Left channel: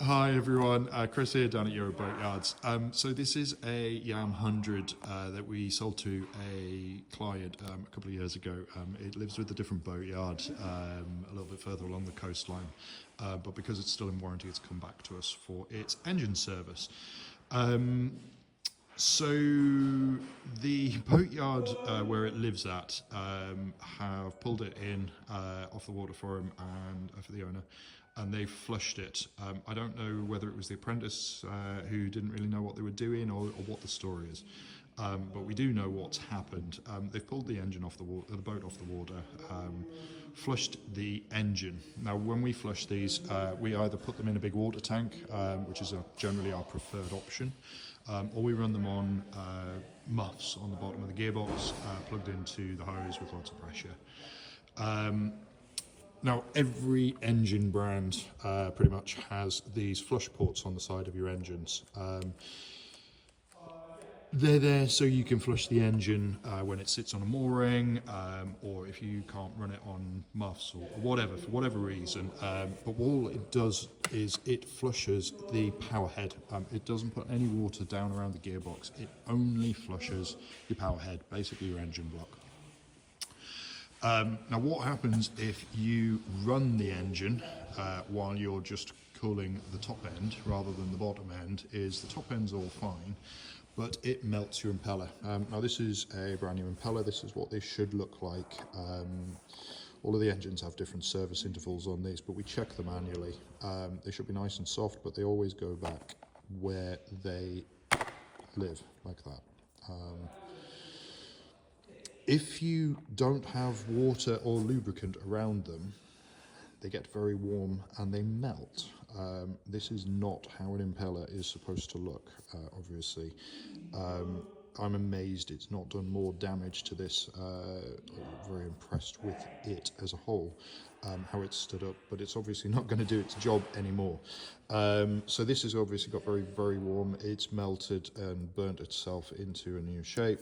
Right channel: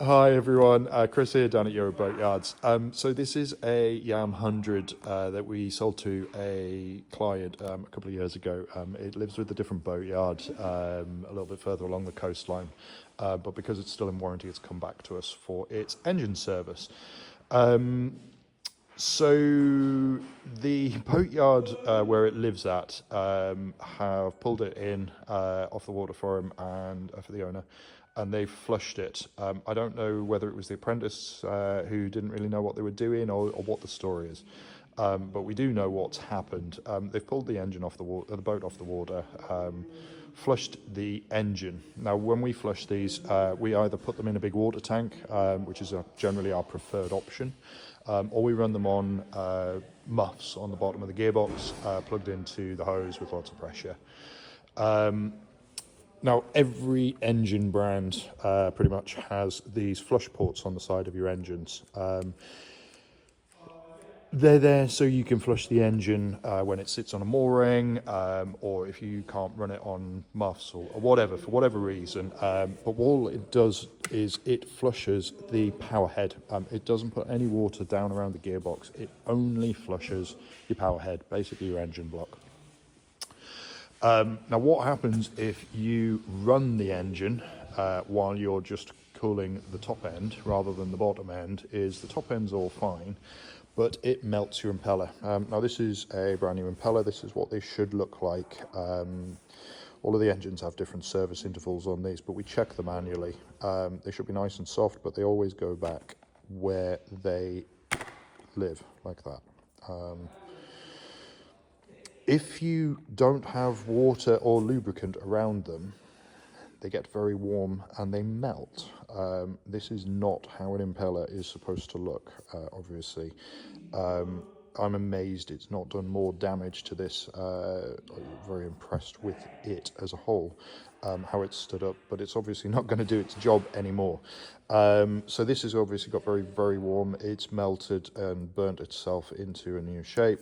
Hi everyone, Chris here down at Euro Boat Yards. So this is a Yam 100 that we sold to a client a couple of years ago. It lives with a different boat yard a little bit further along the coastline, but because it's still in warranty, it's come back to us for its engine service. So the boat yard where it lives at have pulled it in off the water for him and for the owner, and they've flushed it. I don't know whether it was the apprentice who didn't really know what they were doing or what the story is, but we do know what's happened. They've pulled the engine off the water, the boat off the water, flushed the engine. Now, when we flush these, we either put them in a big water tank, which is generally our preferred option, or we run them on muffs on the bottom of the gearbox, plugged into the hose with lots of pressure. Now, every engine brand pretty much has these flush ports on the side of your engines. They're there so you can flush the engine when it sits on a mooring, or if you can't run it on muffs or whatever, for whatever reason. But all it does is it flushes the power head. It doesn't put any water down around the gearbox. It only flushes your power head, basically your engine block. Now, what happens if you run the engine while you're just cooling the top end rather than the bottom end is the top end's all fine, but it melts your impeller. Now, this is a brand new impeller. This is what they should look like. All of the engines have different service intervals on these, but we check them manually. They should be nice and soft, but they always go back where they live, like that. If you don't have water or lubricant around them, they get very warm and they melt. This is not how an impeller is supposed to look, obviously. I'm amazed it's not done more damage to this. Very impressed with it as a whole, how it stood up, but it's obviously not going to do its job anymore. So this has obviously got very, very warm. It's melted and burnt itself into a new shape.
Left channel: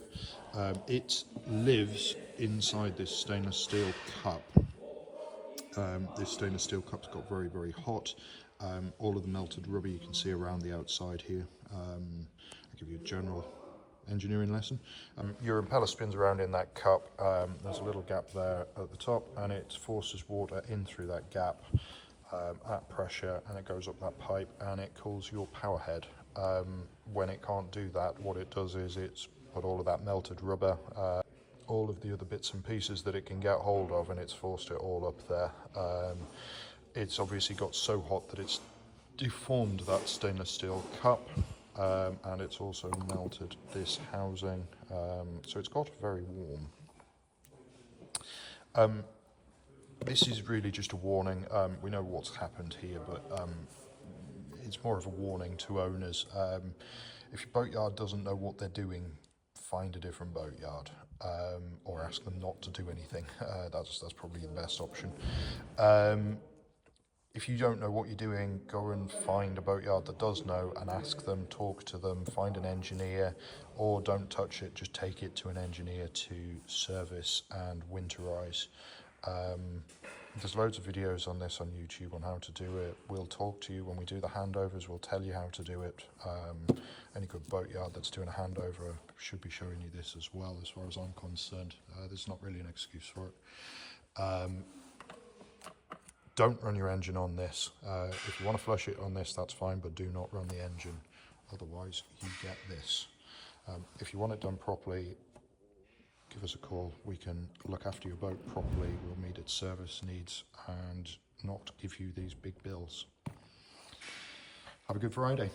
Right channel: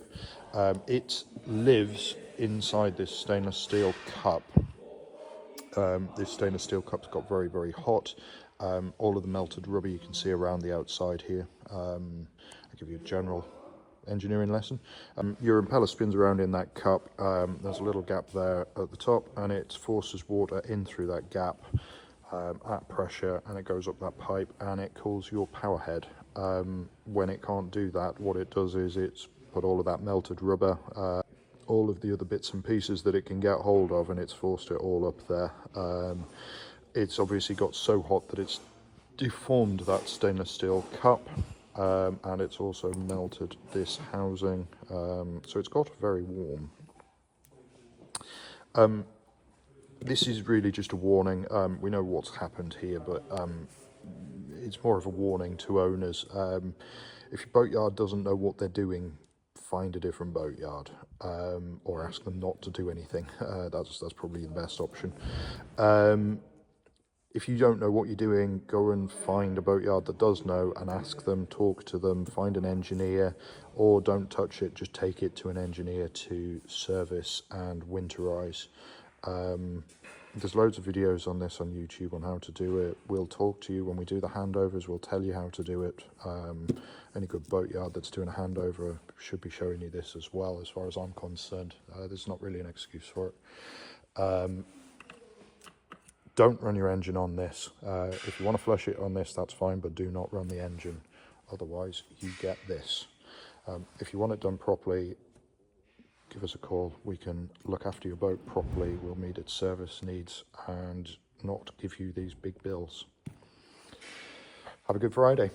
It lives inside this stainless steel cup. This stainless steel cup's got very, very hot. All of the melted rubber you can see around the outside here. I'll give you a general engineering lesson. Your impeller spins around in that cup. There's a little gap there at the top, and it forces water in through that gap at pressure, and it goes up that pipe and it cools your power head. When it can't do that, what it does is it's put all of that melted rubber, all of the other bits and pieces that it can get hold of, and it's forced it all up there. It's obviously got so hot that it's deformed that stainless steel cup, and it's also melted this housing, so it's got very warm. This is really just a warning. We know what's happened here, but it's more of a warning to owners. If your boatyard doesn't know what they're doing, find a different boatyard, or ask them not to do anything. That's probably the best option. If you don't know what you're doing, go and find a boatyard that does know and ask them, talk to them, find an engineer, or don't touch it, just take it to an engineer to service and winterize. There's loads of videos on this on YouTube on how to do it. We'll talk to you when we do the handovers. We'll tell you how to do it. Any good boatyard that's doing a handover should be showing you this as well, as far as I'm concerned. There's not really an excuse for it. Don't run your engine on this. If you want to flush it on this, that's fine, but do not run the engine. Otherwise, you get this. If you want it done properly, give us a call. We can look after your boat properly. We'll meet its service needs and not give you these big bills. Have a good Friday.